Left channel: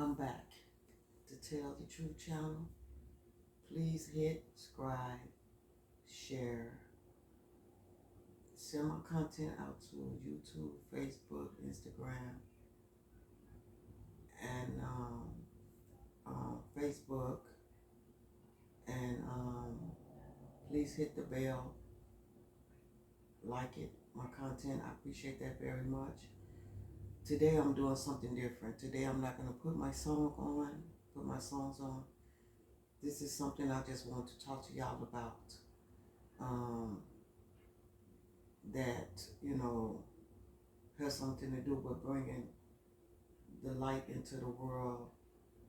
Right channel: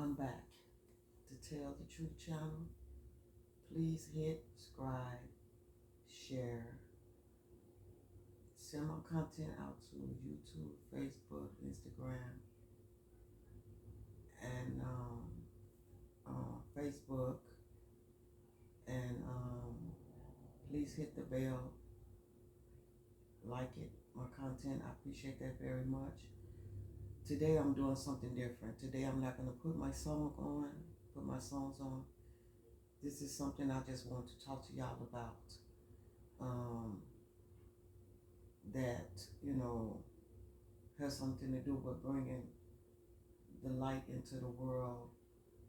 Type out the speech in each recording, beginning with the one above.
I'm back to tell the truth channel. Please hit subscribe, share, send my content out to YouTube, Facebook, Instagram, and Facebook, and please hit the bell, like it, my content. I appreciate that very much. Today I'm doing something different. Today I'm not gonna put my songs on. This is something I just want to talk to y'all about. Um, that has something to do with bringing the light into the world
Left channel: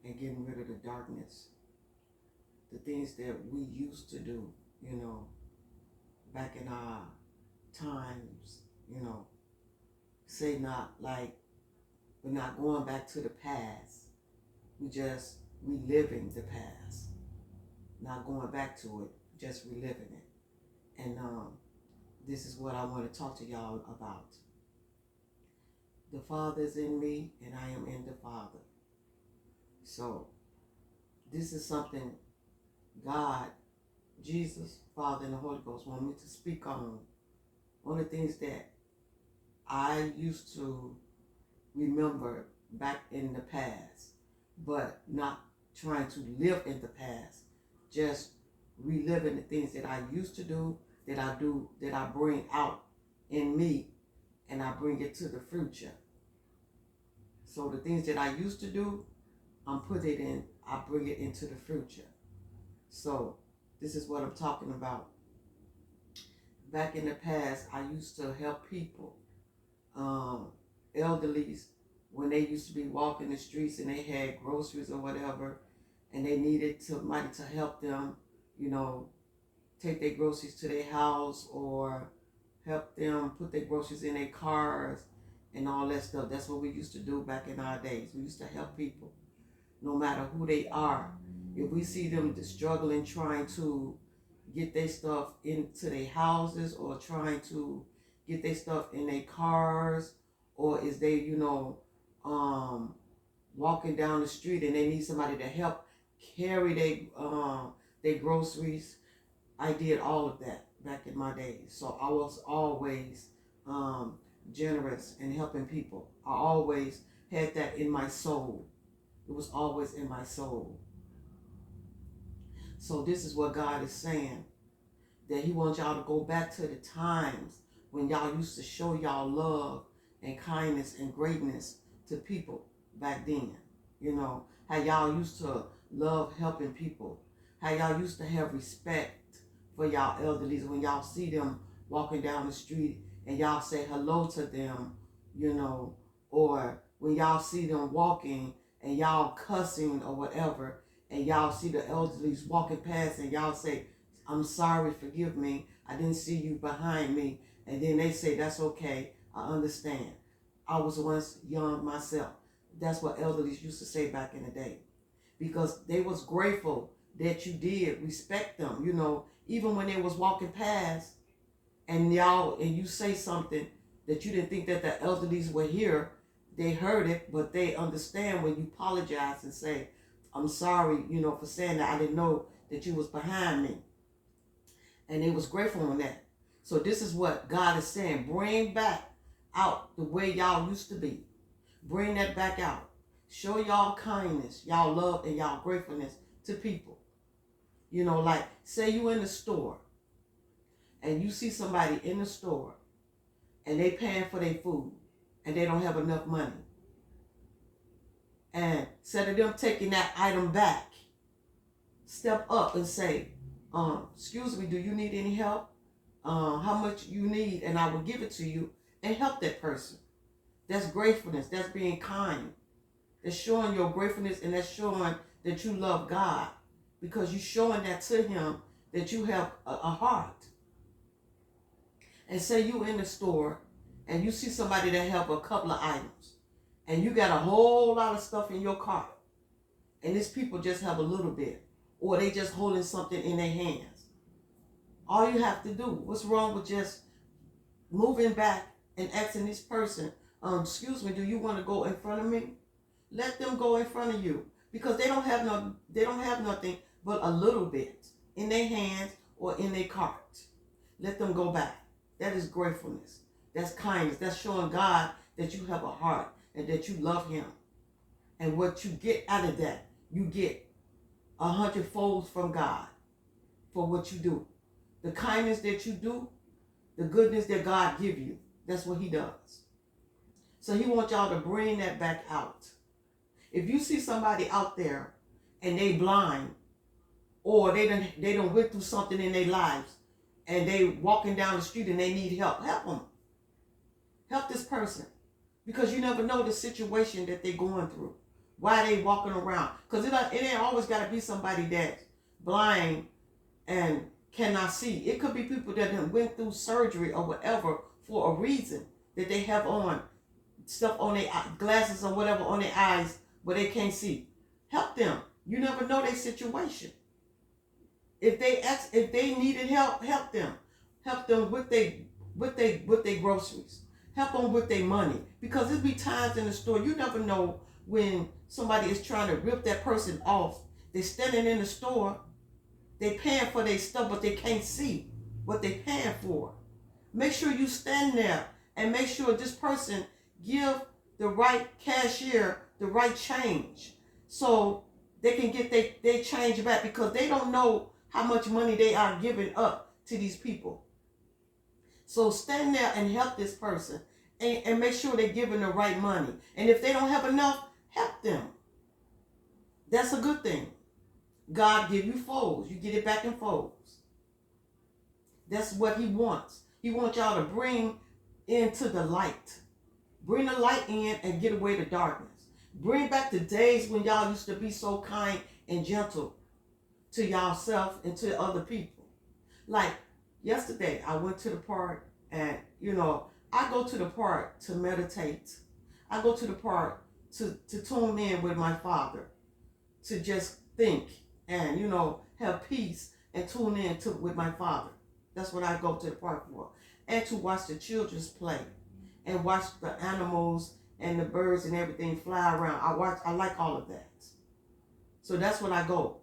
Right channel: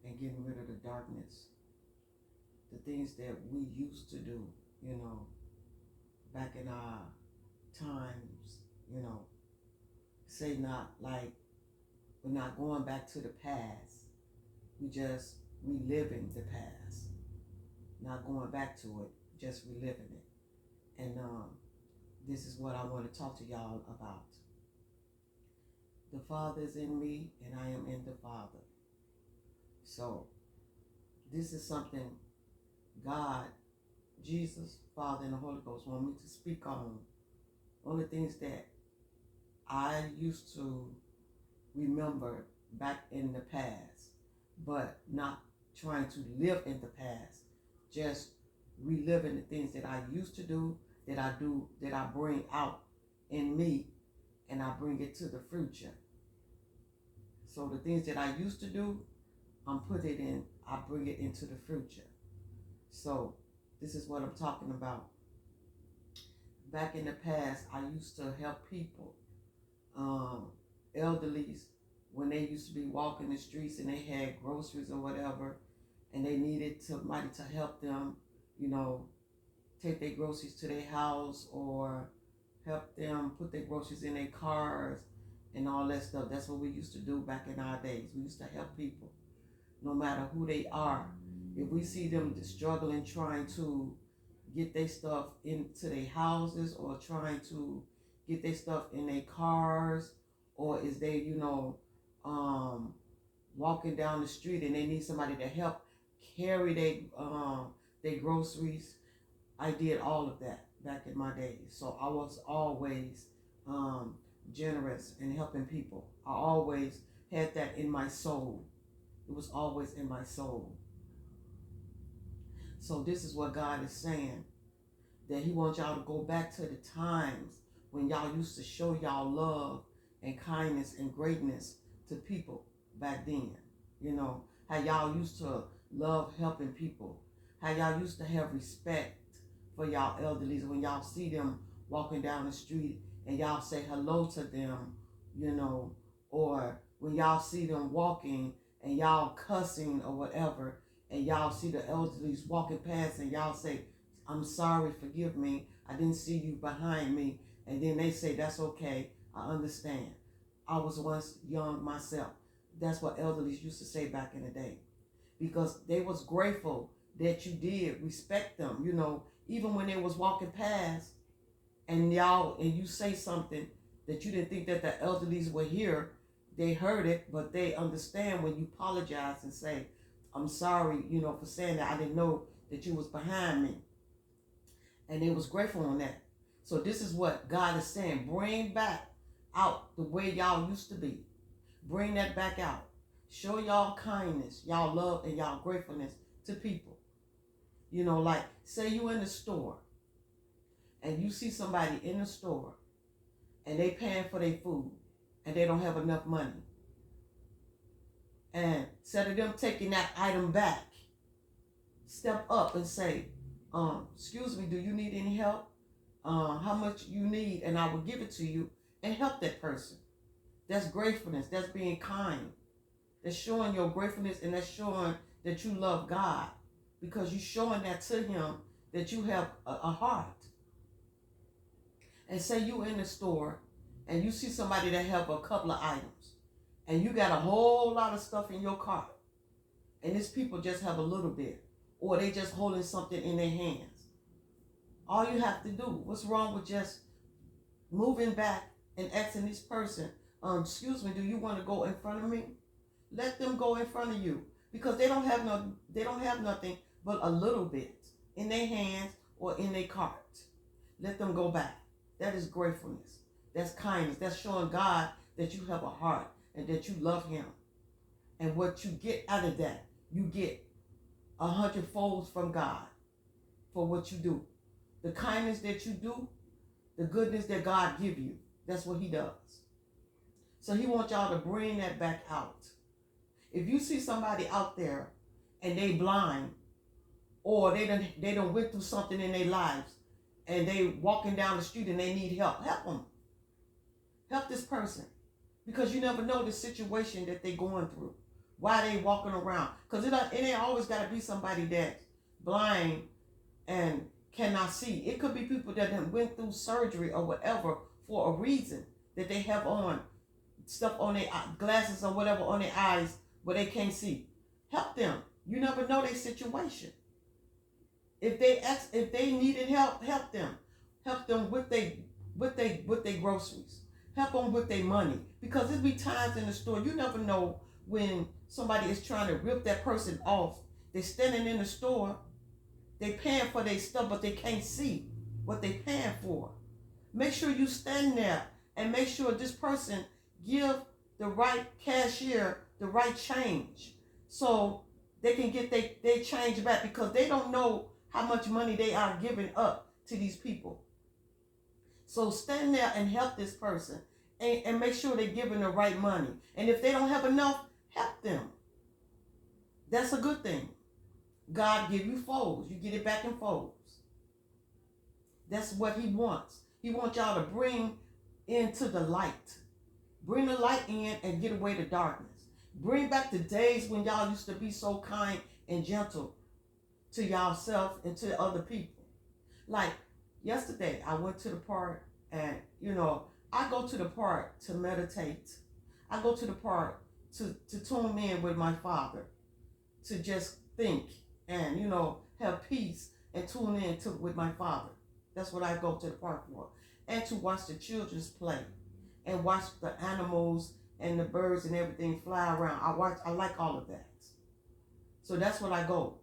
and getting rid of the darkness. The things that we used to do, back in our times, say not like we're not going back to the past. We just reliving the past, not going back to it, just reliving it. And this is what I want to talk to y'all about. The Father is in me, and I am in the Father. So this is something God, Jesus, Father, and the Holy Ghost want me to speak on. One of the things that I used to remember back in the past, but not trying to live in the past, just reliving the things that I used to do, that I bring out in me, and I bring it to the future. So the things that I used to do, I bring it into the future. So this is what I'm talking about. Back in the past, I used to help people, elderlies, when they used to be walking the streets and they had groceries or whatever, and they needed somebody to help them, take their groceries to their house or help them put their groceries in their cars and all that stuff. That's what we used to do back in our days. We used to help people, no matter who they are. If we see them struggling, trying to get their stuff into their houses or trying to get their stuff in their cars, or is they, walking down the street and they need somebody to help carry their groceries. I did all of that back in my days. So I was always generous in helping people. I always had that in my soul. It was always in my soul. So this is what God is saying, that he wants y'all to go back to the times when y'all used to show y'all love and kindness and greatness to people back then. How y'all used to love helping people, how y'all used to have respect for y'all elderlies when y'all see them walking down the street and y'all say hello to them, or when y'all see them walking and y'all cussing or whatever, and y'all see the elderlies walking past and y'all say, I'm sorry, forgive me, I didn't see you behind me. And then they say, that's okay, I understand. I was once young myself. That's what elderlies used to say back in the day. Because they was grateful that you did respect them, even when they was walking past and you say something that you didn't think that the elderlies would hear. They heard it, but they understand when you apologize and say, I'm sorry, for saying that. I didn't know that you was behind me. And they was grateful on that. So this is what God is saying. Bring back out the way y'all used to be. Bring that back out. Show y'all kindness, y'all love, and y'all gratefulness to people. Like say you in the store and you see somebody in the store and they paying for their food and they don't have enough money. And instead of them taking that item back, step up and say, excuse me, do you need any help? How much you need, and I will give it to you, and help that person. That's gratefulness. That's being kind. That's showing your gratefulness, and that's showing that you love God, because you're showing that to him, that you have a heart. And say you in the store and you see somebody that have a couple of items and you got a whole lot of stuff in your cart, and these people just have a little bit, or they just holding something in their hands. All you have to do, what's wrong with just moving back and asking this person, excuse me, do you want to go in front of me? Let them go in front of you because they don't have nothing but a little bit in their hands or in their cart. Let them go back. That is gratefulness. That's kindness. That's showing God that you have a heart and that you love him. And what you get out of that, you get 100 folds from God for what you do. The kindness that you do, the goodness that God give you, that's what he does. So he wants y'all to bring that back out. If you see somebody out there and they blind, or they done went through something in their lives, and they walking down the street and they need help, help them. Help this person. Because you never know the situation that they're going through. Why they walking around. Because it ain't always got to be somebody that's blind and cannot see. It could be people that done went through surgery or whatever for a reason, that they have on stuff on their glasses or whatever on their eyes where they can't see. Help them. You never know their situation. If they needed help, help them. Help them with their groceries. Help them with their money. Because there'll be times in the store, you never know when somebody is trying to rip that person off. They're standing in the store, they paying for their stuff, but they can't see what they're paying for. Make sure you stand there and make sure this person give the right cashier the right change so they can get their change back, because they don't know how much money they are giving up to these people. So stand there and help this person and make sure they're giving the right money. And if they don't have enough, help them. That's a good thing. God give you folds. You get it back in folds. That's what he wants. He wants y'all to bring into the light. Bring the light in and get away the darkness. Bring back the days when y'all used to be so kind and gentle to yourself and to other people. Like yesterday, I went to the park, and I go to the park to meditate. I go to the park to tune in with my Father, to just think and have peace and tune in with my Father. That's what I go to the park for. And to watch the children play and watch the animals and the birds and everything fly around. I like all of that. So that's what I go.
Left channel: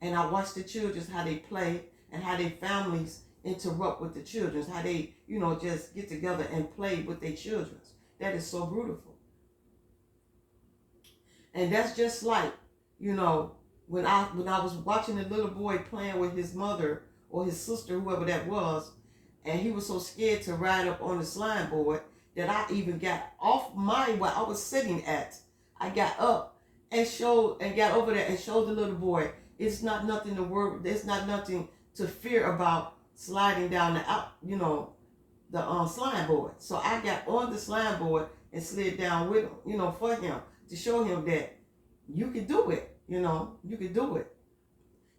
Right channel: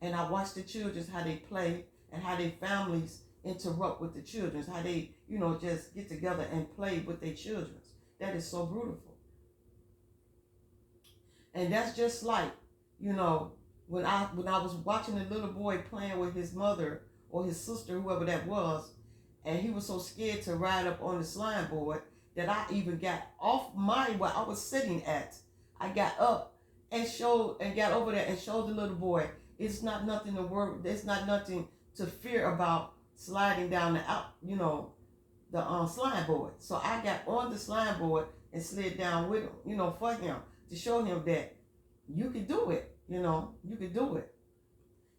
And I watch the children, how they play and how their families interrupt with the children, how they, just get together and play with their children. That is so beautiful. And that's just like, when I was watching the little boy playing with his mother or his sister, whoever that was, and he was so scared to ride up on the slime board that I even got off where I was sitting at. I got up and got over there and showed the little boy, it's not nothing to worry, there's not nothing to fear about sliding down the slime board. So I got on the slime board and slid down with him, for him, to show him that you can do it, you can do it.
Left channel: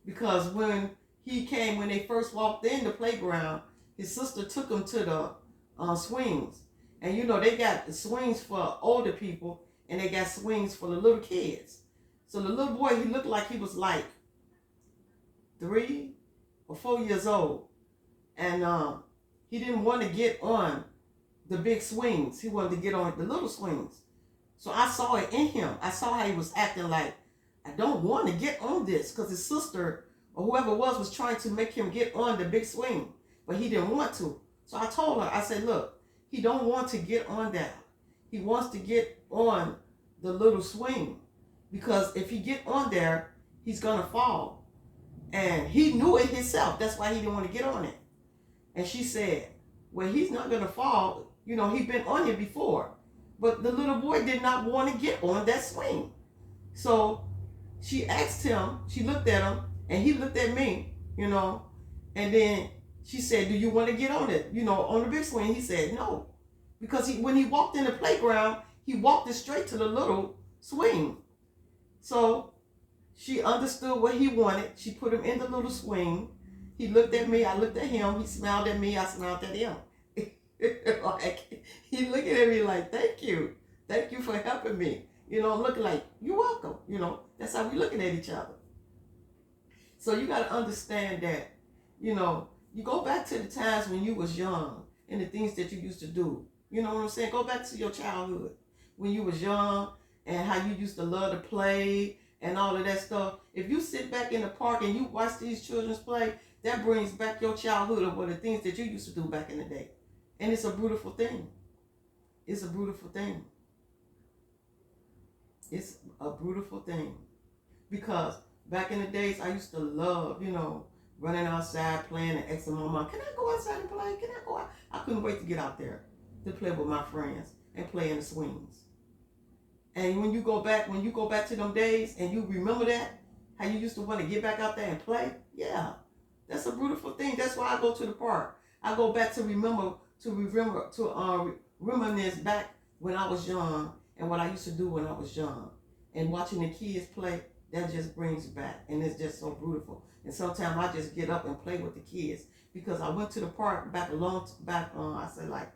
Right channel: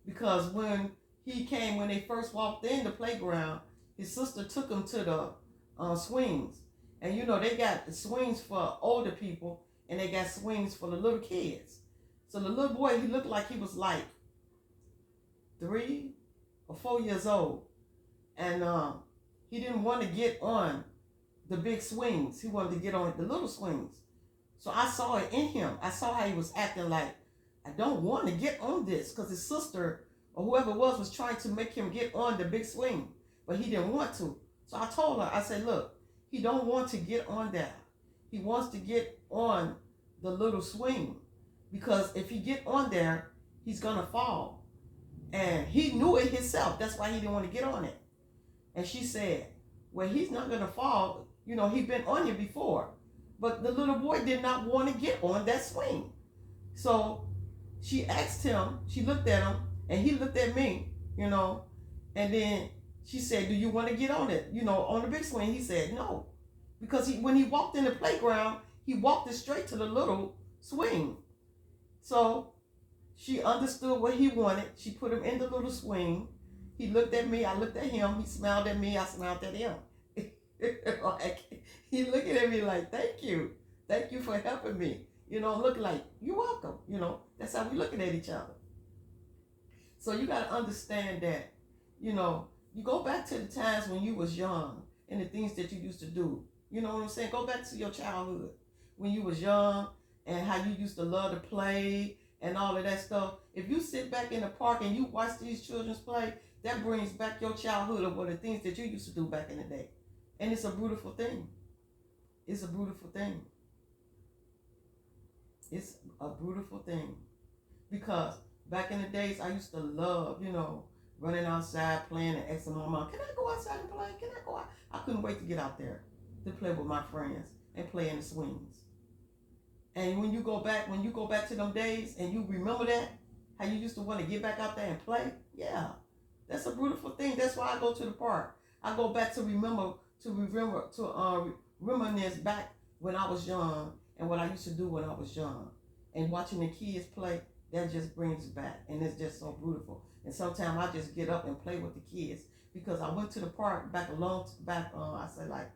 Because when they first walked in the playground, his sister took him to the swings. And they got swings for older people and they got swings for the little kids. So the little boy, he looked like he was like 3 or 4 years old. And he didn't want to get on the big swings. He wanted to get on the little swings. So I saw it in him. I saw how he was acting like, I don't want to get on this, because his sister or whoever it was trying to make him get on the big swing, but he didn't want to. So I told her, I said, look, he don't want to get on that. He wants to get on the little swing, because if he get on there, he's going to fall. And he knew it himself. That's why he didn't want to get on it. And she said, well, he's not going to fall. He's been on it before. But the little boy did not want to get on that swing. So she asked him, she looked at him, and he looked at me, and then she said, do you want to get on it, on the big swing? He said no. Because when he walked in the playground, he walked it straight to the little swing. So she understood what he wanted. She put him in the little swing. He looked at me, I looked at him. He smiled at me, I smiled at him. Like, he looking at me like, thank you for helping me. Looking like, you're welcome. That's how we looking at each other. So you got to understand that, you go back to the times when you was young and the things that you used to do. You know what I'm saying? Go back to your childhood when you was young and how you used to love to play and all of that stuff. If you sit back in the park and you watch these children play, that brings back your childhood of what the things that you used to do back in the day. And it's a beautiful thing. It's a beautiful thing. It's a beautiful thing. Because back in the days, I used to love, running outside playing and asking my mom, can I go outside and play? Can I go out? I couldn't wait to get out there to play with my friends and play in the swings. And when you go back to them days and you remember that, how you used to want to get back out there and play, yeah, that's a beautiful thing. That's why I go to the park. I go back to reminisce back when I was young and what I used to do when I was young. And watching the kids play, that just brings back, and it's just so beautiful. And sometimes I just get up and play with the kids because I went to the park back I say like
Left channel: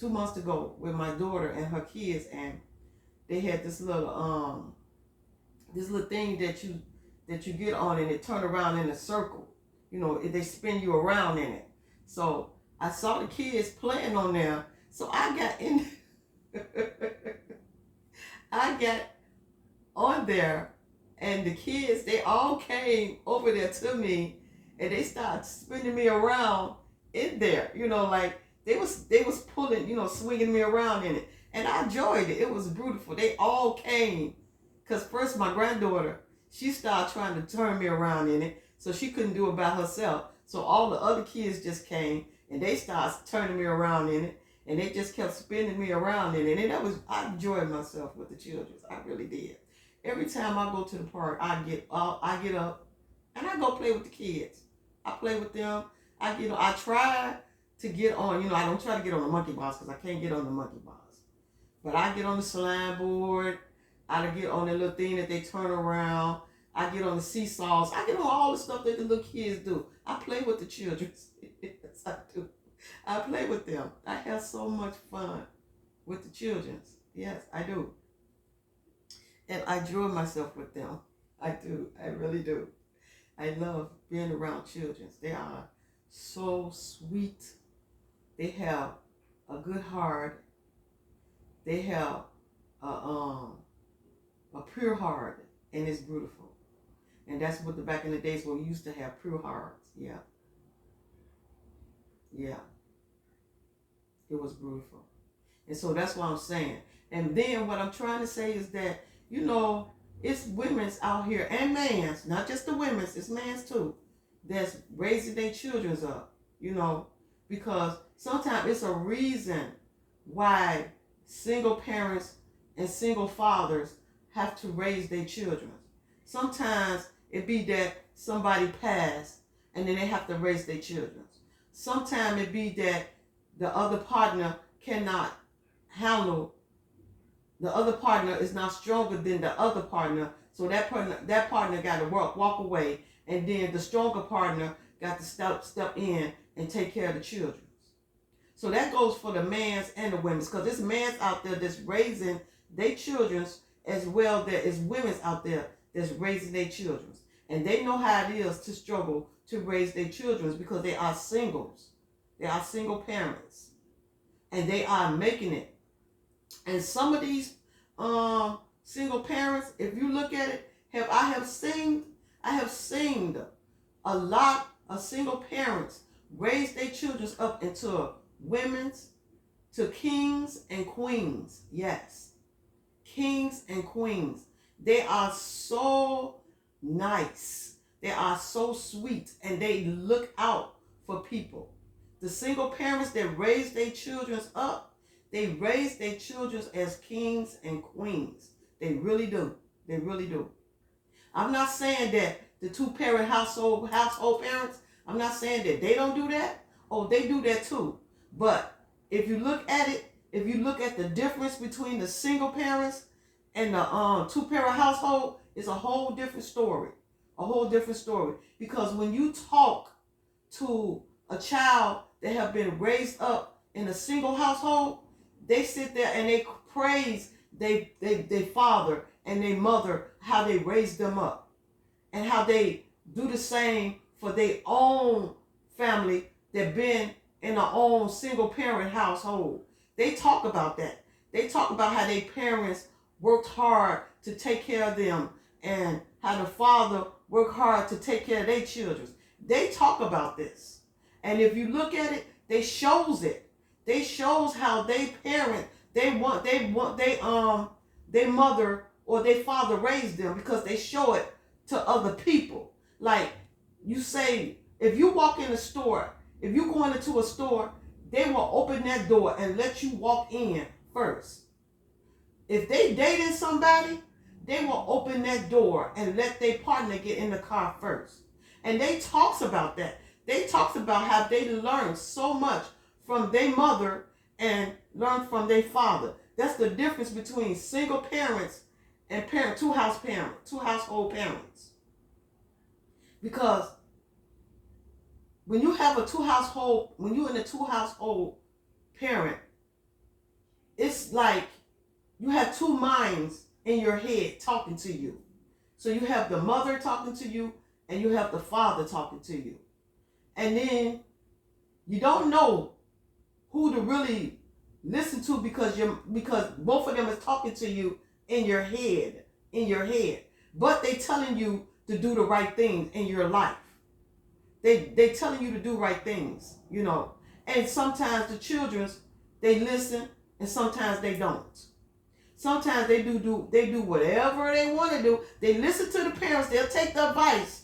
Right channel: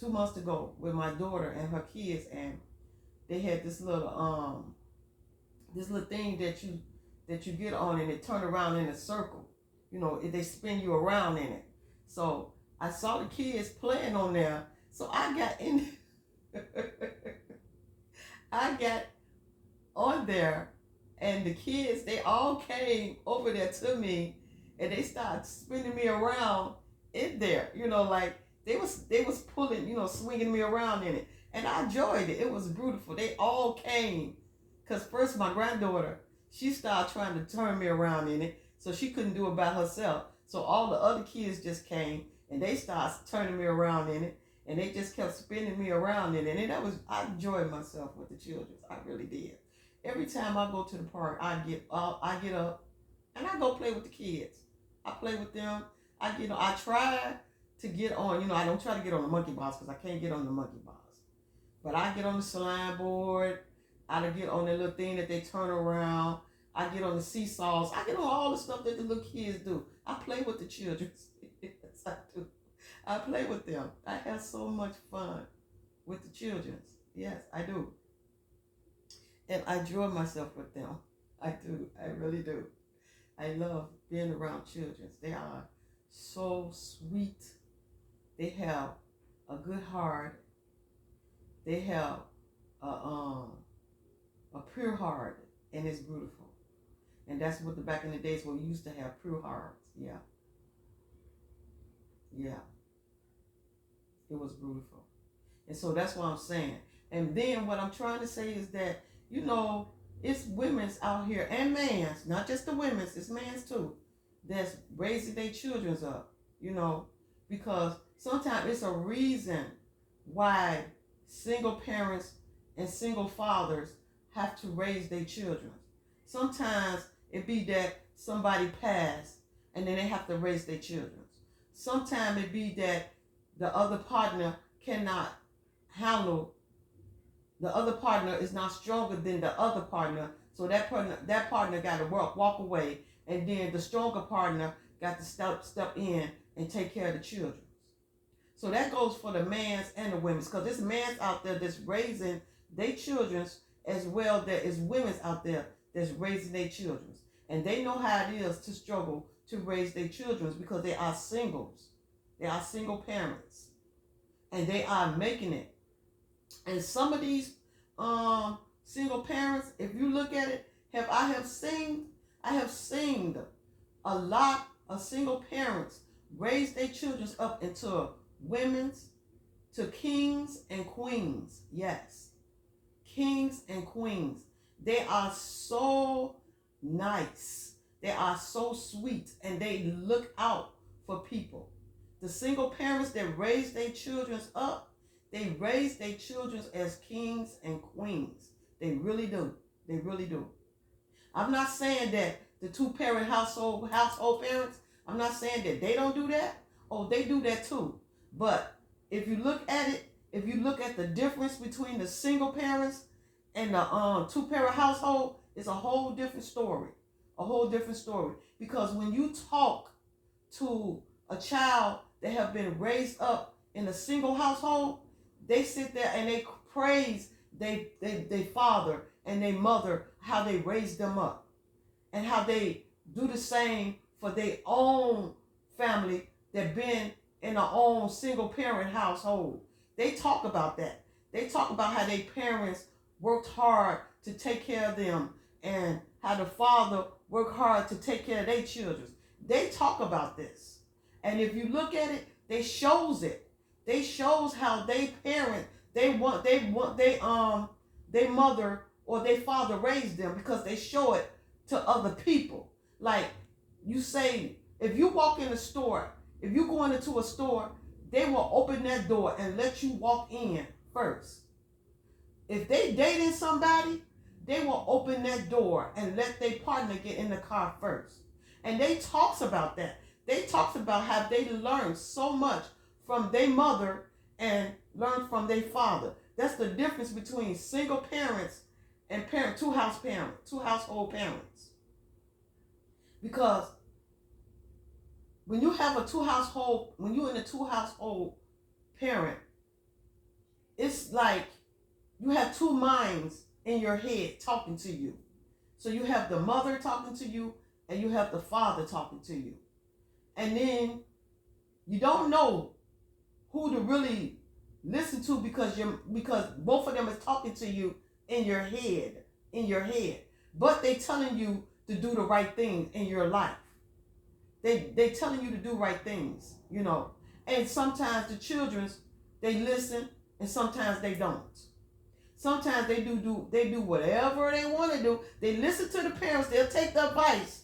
2 months ago with my daughter and her kids, and they had this little thing that you get on and it turn around in a circle. They spin you around in it. So I saw the kids playing on there, so I got in. I got on there, and the kids, they all came over there to me, and they started spinning me around in there. Like they was pulling, swinging me around in it, and I enjoyed it. It was beautiful. They all came, cause first my granddaughter, she started trying to turn me around in it, so she couldn't do it by herself. So all the other kids just came, and they started turning me around in it, and they just kept spinning me around in it. And I enjoyed myself with the children. I really did. Every time I go to the park, I get up, and I go play with the kids. I play with them. I try to get on. I don't try to get on the monkey bars because I can't get on the monkey bars. But I get on the slime board. I get on the little thing that they turn around. I get on the seesaws. I get on all the stuff that the little kids do. I play with the children. Yes, I do. I play with them. I have so much fun with the children. Yes, I do. And I enjoy myself with them. I do. I really do. I love being around children. They are so sweet. They have a good heart. They have a pure heart, and it's beautiful. And that's what back in the days when we used to have pure hearts. Yeah. Yeah. It was beautiful. And so that's what I'm saying. And then what I'm trying to say is that, it's women's out here and man's, not just the women's, it's man's too, that's raising their children up, because sometimes it's a reason why single parents and single fathers have to raise their children. Sometimes it be that somebody passed and then they have to raise their children. Sometimes it be that the other partner cannot handle, the other partner is not stronger than the other partner, so that partner got to walk away, and then the stronger partner got to step in and take care of the children. So that goes for the mans and the women's, because there's mans out there that's raising their children as well. There is women's out there that's raising their children, and they know how it is to struggle to raise their children because they are singles. They are single parents, and they are making it. And some of these single parents, if you look at it, I have seen a lot of single parents raise their children up into women's, to kings and queens. Yes, kings and queens. They are so nice. They are so sweet, and they look out for people. The single parents that raise their children up, they raise their children as kings and queens. They really do. They really do. I'm not saying that the two-parent household parents, I'm not saying that they don't do that. Oh, they do that too. But if you look at it, if you look at the difference between the single parents and the two-parent household, it's a whole different story. A whole different story. Because when you talk to a child that have been raised up in a single household, they sit there and they praise their father and their mother, how they raised them up, and how they do the same for their own family that been in their own single parent household. They talk about that. They talk about how their parents worked hard to take care of them, and how the father worked hard to take care of their children. They talk about this. And if you look at it, they shows it. They shows how they parent, their mother or their father raised them, because they show it to other people. Like you say, if you walk in a store, if you going into a store, they will open that door and let you walk in first. If they dating somebody, they will open that door and let their partner get in the car first. And they talks about that. They talks about how they learned so much from their mother and learned from their father. That's the difference between single parents and two household parents. Because when you have when you're in a two household parent, it's like you have two minds in your head talking to you. So you have the mother talking to you, and you have the father talking to you. And then you don't know who to really listen to, because both of them is talking to you in your head. But they telling you to do the right thing in your life. They telling you to do right things, And sometimes the children, they listen, and sometimes they don't. Sometimes they do whatever they want to do. They listen to the parents. They'll take the advice,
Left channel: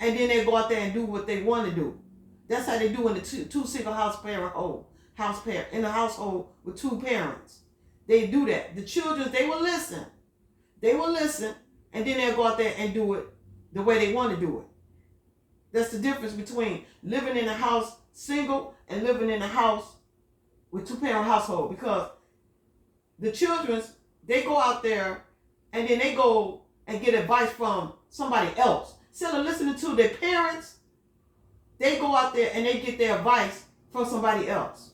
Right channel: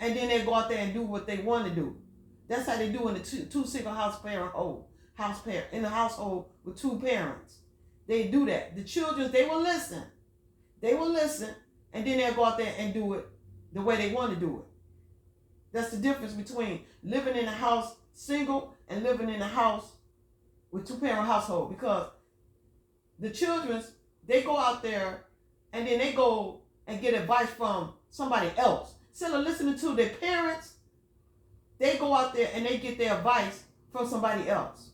and then they go out there and do what they want to do. That's how they do in the two single in a household with two parents. They do that. The children, they will listen. And then they'll go out there and do it the way they want to do it. That's the difference between living in a house single and living in a house with two-parent household. Because the children, they go out there and then they go and get advice from somebody else. Instead of listening to their parents, they go out there and they get their advice from somebody else.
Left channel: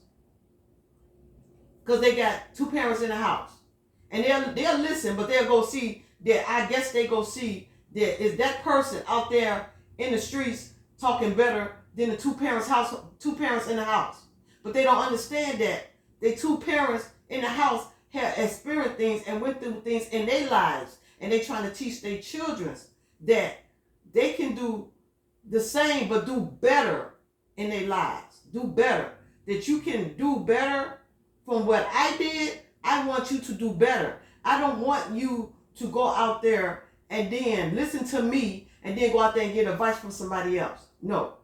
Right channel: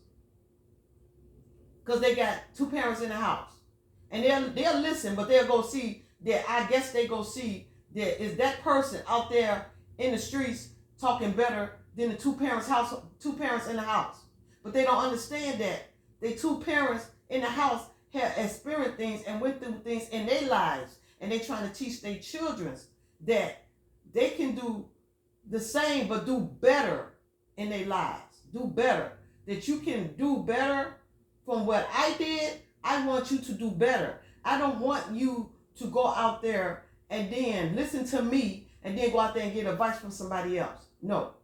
Because they got two parents in the house. And they'll listen, but they'll go see that, I guess they go see that is that person out there in the streets talking better than the two parents in the house. But they don't understand that the two parents in the house have experienced things and went through things in their lives, and they trying to teach their children that they can do the same but do better in their lives. Do better. That you can do better from what I did. I want you to do better. I don't want you to go out there and then listen to me and then go out there and get advice from somebody else. No.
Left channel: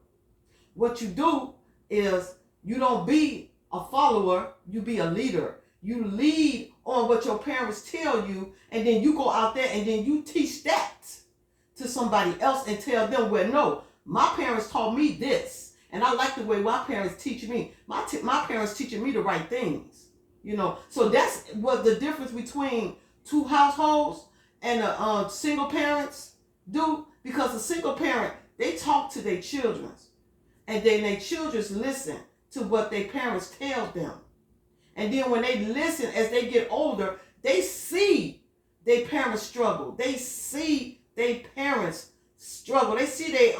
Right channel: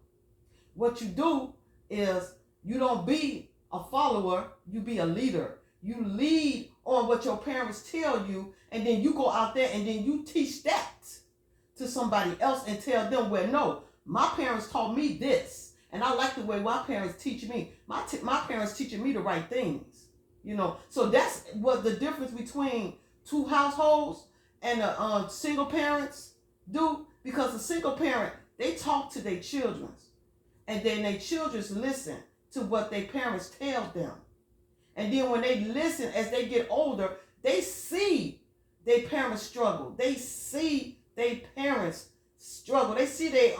What you do is you don't be a follower, you be a leader. You lead on what your parents tell you, and then you go out there and then you teach that to somebody else and tell them, well, no, my parents taught me this, and I like the way my parents teach me. My parents teaching me the right things, So that's what the difference between two households and single parents do. Because a single parent, they talk to their children, and then their children listen to what their parents tell them. And then when they listen, as they get older, they see their parents struggle. They see their parents struggle. They see their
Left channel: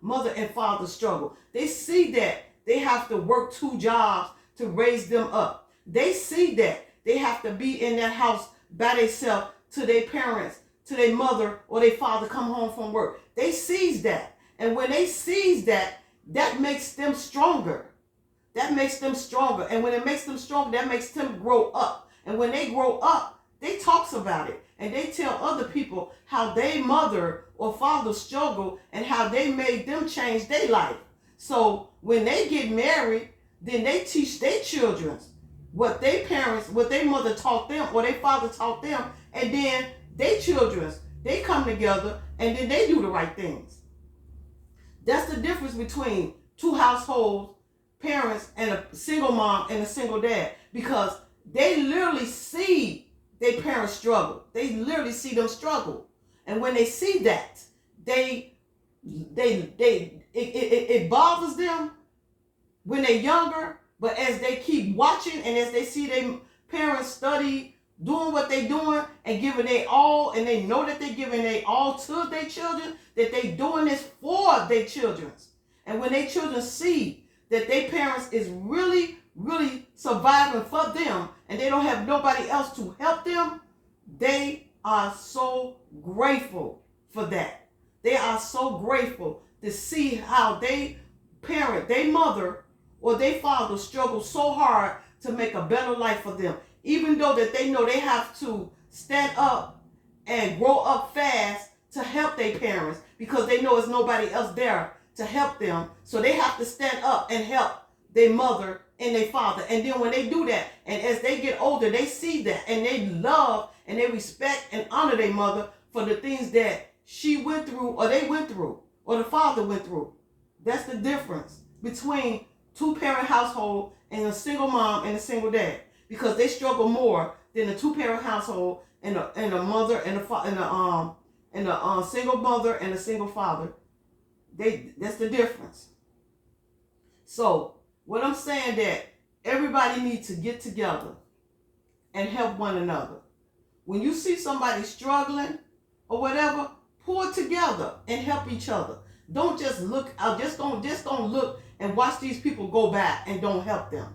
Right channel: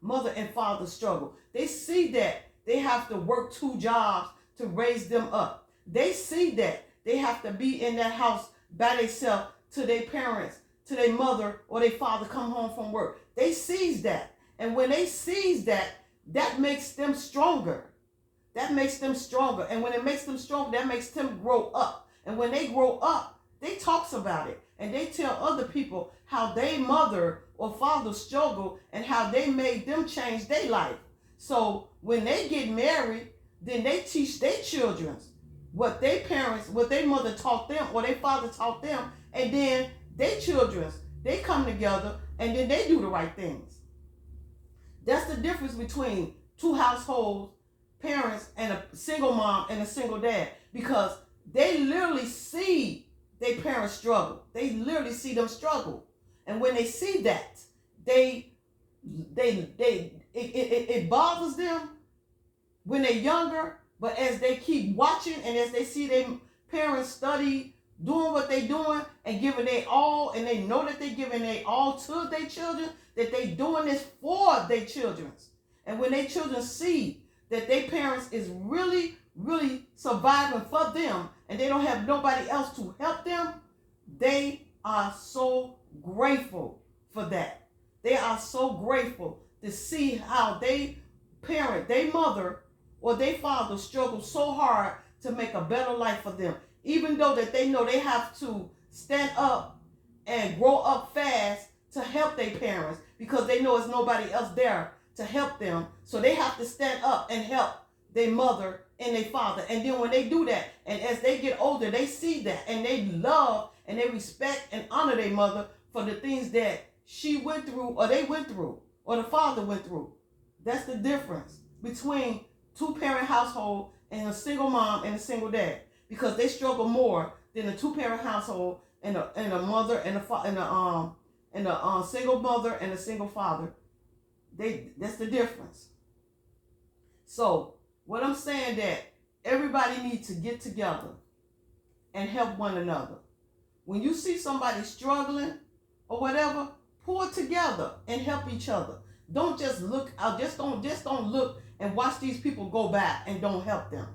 mother and father struggle. They see that they have to work two jobs to raise them up. They see that they have to be in that house by themselves till their parents, till their mother or their father come home from work. They sees that. And when they sees that, that makes them stronger. That makes them stronger. And when it makes them stronger, that makes them grow up. And when they grow up, they talks about it. And they tell other people how their mother or father struggled and how they made them change their life. So when they get married, then they teach their children what their mother taught them or their father taught them. And then their children, they come together and then they do the right things. That's the difference between two households, parents, and a single mom and a single dad, because they literally see their parents struggle. They literally see them struggle. And when they see that, it bothers them when they're younger, but as they keep watching and as they see their parents study, doing what they're doing and giving their all, and they know that they're giving their all to their children, that they're doing this for their children. And when their children see that their parents is really, really surviving for them and they don't have nobody else to help them, They are so grateful for that. They are so grateful to see how they parent, their mother or their father struggle so hard to make a better life for them. Even though that they know they have to stand up and grow up fast to help their parents because they know there's nobody else there to help them. So they have to stand up and help their mother and their father. And then when they do that, and as they get older, they see that and they love and they respect and honor their mother for the things that she went through or they went through or the father went through. That's the difference between two-parent household and a single mom and a single dad, because they struggle more than a two-parent household and a mother and a single mother and a single father. That's the difference. So what I'm saying that everybody needs to get together and help one another. When you see somebody struggling or whatever, pull together and help each other. Don't just look out. Just don't look and watch these people go by and don't help them.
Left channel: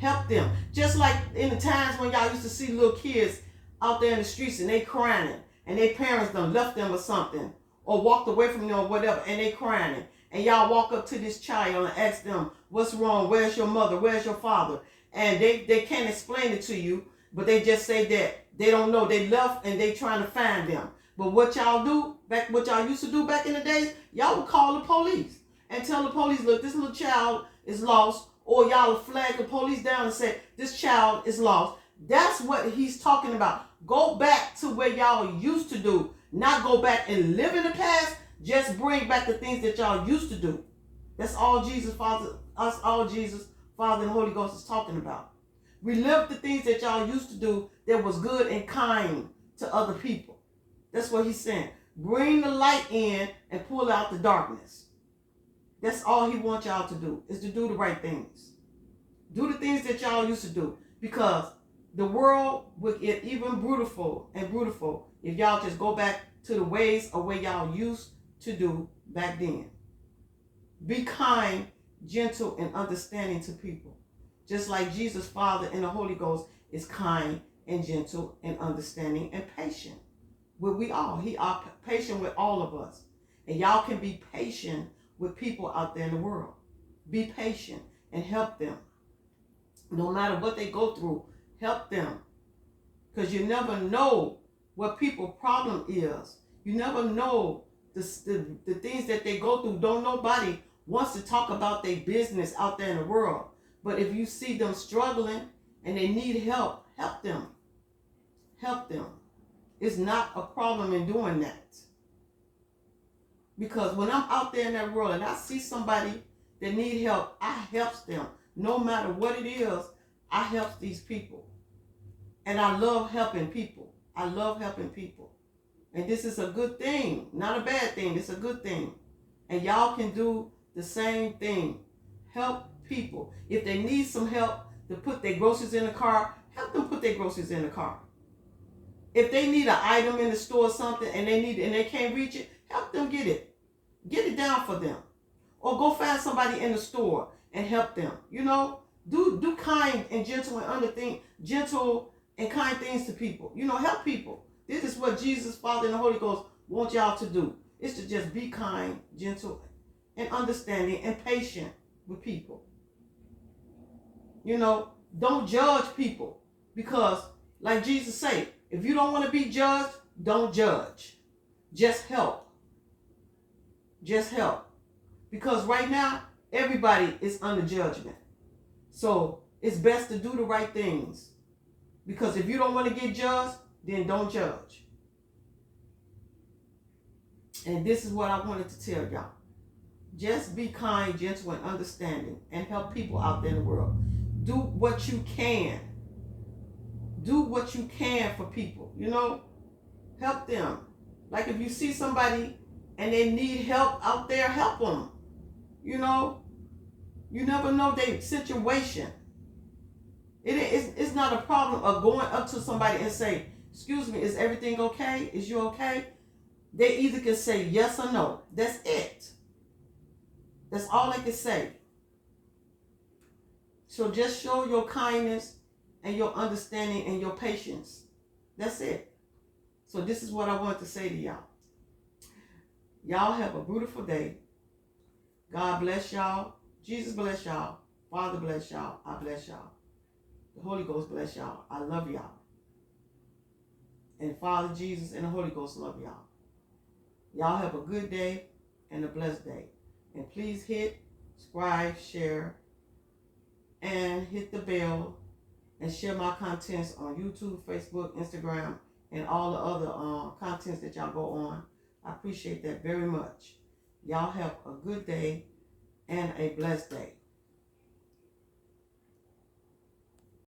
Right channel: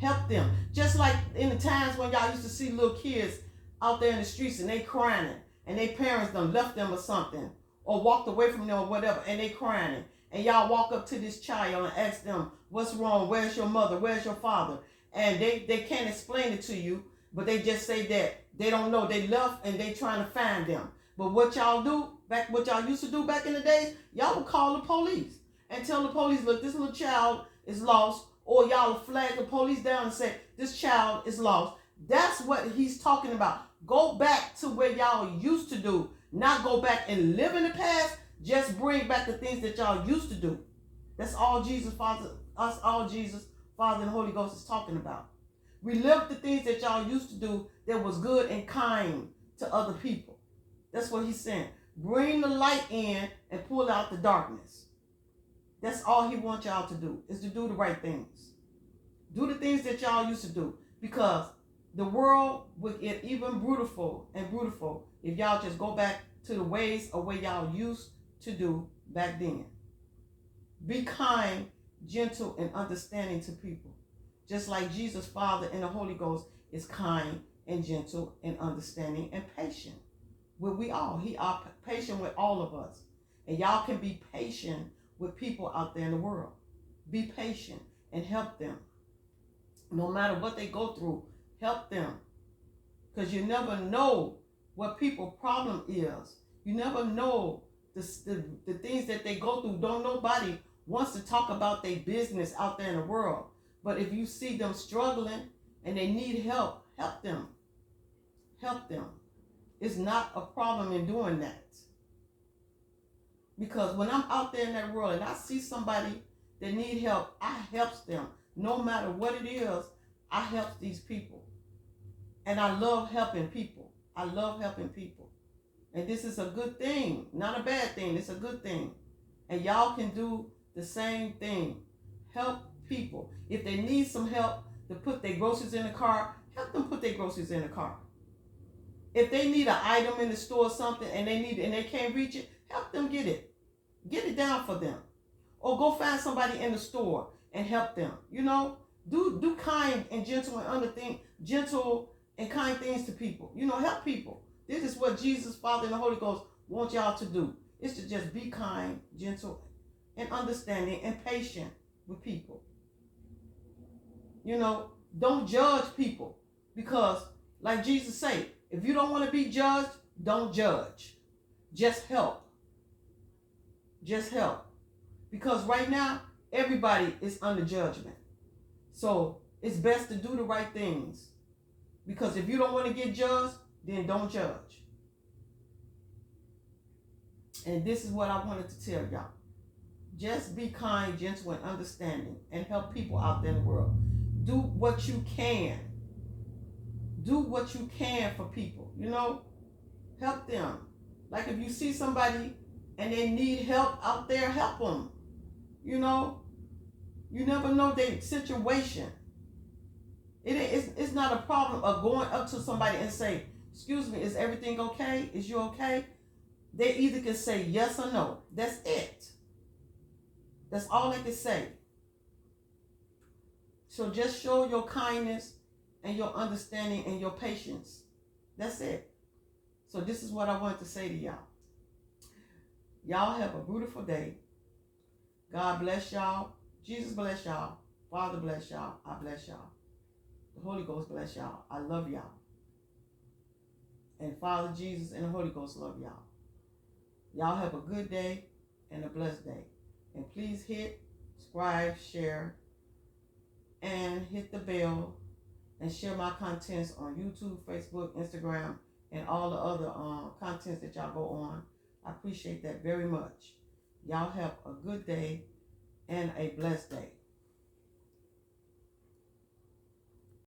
Help them. Just like in the times when y'all used to see little kids out there in the streets and they crying and their parents done left them or something or walked away from them or whatever and they crying. And y'all walk up to this child and ask them, what's wrong? Where's your mother? Where's your father? And they can't explain it to you, but they just say that they don't know. They left and they trying to find them. But what y'all do, what y'all used to do back in the days, y'all would call the police and tell the police, look, this little child is lost, or y'all would flag the police down and say, this child is lost. That's what he's talking about. Go back to where y'all used to do, not go back and live in the past. Just bring back the things that y'all used to do. That's all Jesus, Father, and Holy Ghost is talking about. Relive the things that y'all used to do that was good and kind to other people. That's what he's saying. Bring the light in and pull out the darkness. That's all he wants y'all to do, is to do the right things. Do the things that y'all used to do, because the world would get even beautiful if y'all just go back to the ways of what y'all used to do back then. Be kind, gentle, and understanding to people. Just like Jesus, Father, and the Holy Ghost is kind and gentle and understanding and patient. With we all. He are patient with all of us. And y'all can be patient with people out there in the world. Be patient and help them. No matter what they go through, help them. Because you never know what people's problem is. You never know the things that they go through. Don't nobody wants to talk about their business out there in the world. But if you see them struggling and they need help, help them. Help them. It's not a problem in doing that. Because when I'm out there in that world and I see somebody that need help, I help them. No matter what it is, I help these people. And I love helping people. I love helping people. And this is a good thing, not a bad thing. It's a good thing. And y'all can do the same thing. Help people. If they need some help to put their groceries in the car, help them put their groceries in the car. If they need an item in the store or something and they can't reach it, help them get it. Get it down for them. Or go find somebody in the store and help them. You know, do kind and gentle and kind things to people. You know, help people. This is what Jesus, Father, and the Holy Ghost want y'all to do. It's to just be kind, gentle, and understanding and patient with people. You know, don't judge people, because like Jesus said, if you don't want to be judged, don't judge. Just help. Just help. Because right now, everybody is under judgment. So it's best to do the right things. Because if you don't want to get judged, then don't judge. And this is what I wanted to tell y'all. Just be kind, gentle, and understanding, and help people out there in the world. Do what you can. Do what you can for people, you know? Help them. Like if you see somebody and they need help out there, help them. You know? You never know their situation. It's not a problem of going up to somebody and say, excuse me, is everything okay? Is you okay? They either can say yes or no. That's it. That's all they can say. So just show your kindness and your understanding and your patience. That's it. So this is what I wanted to say to y'all. Y'all have a beautiful day. God bless y'all. Jesus bless y'all. Father bless y'all. I bless y'all. The Holy Ghost bless y'all. I love y'all. And Father, Jesus, and the Holy Ghost love y'all. Y'all have a good day and a blessed day. And please hit subscribe, share, and hit the bell and share my contents on YouTube, Facebook, Instagram, and all the other contents that y'all go on. I appreciate that very much. Y'all have a good day and a blessed day.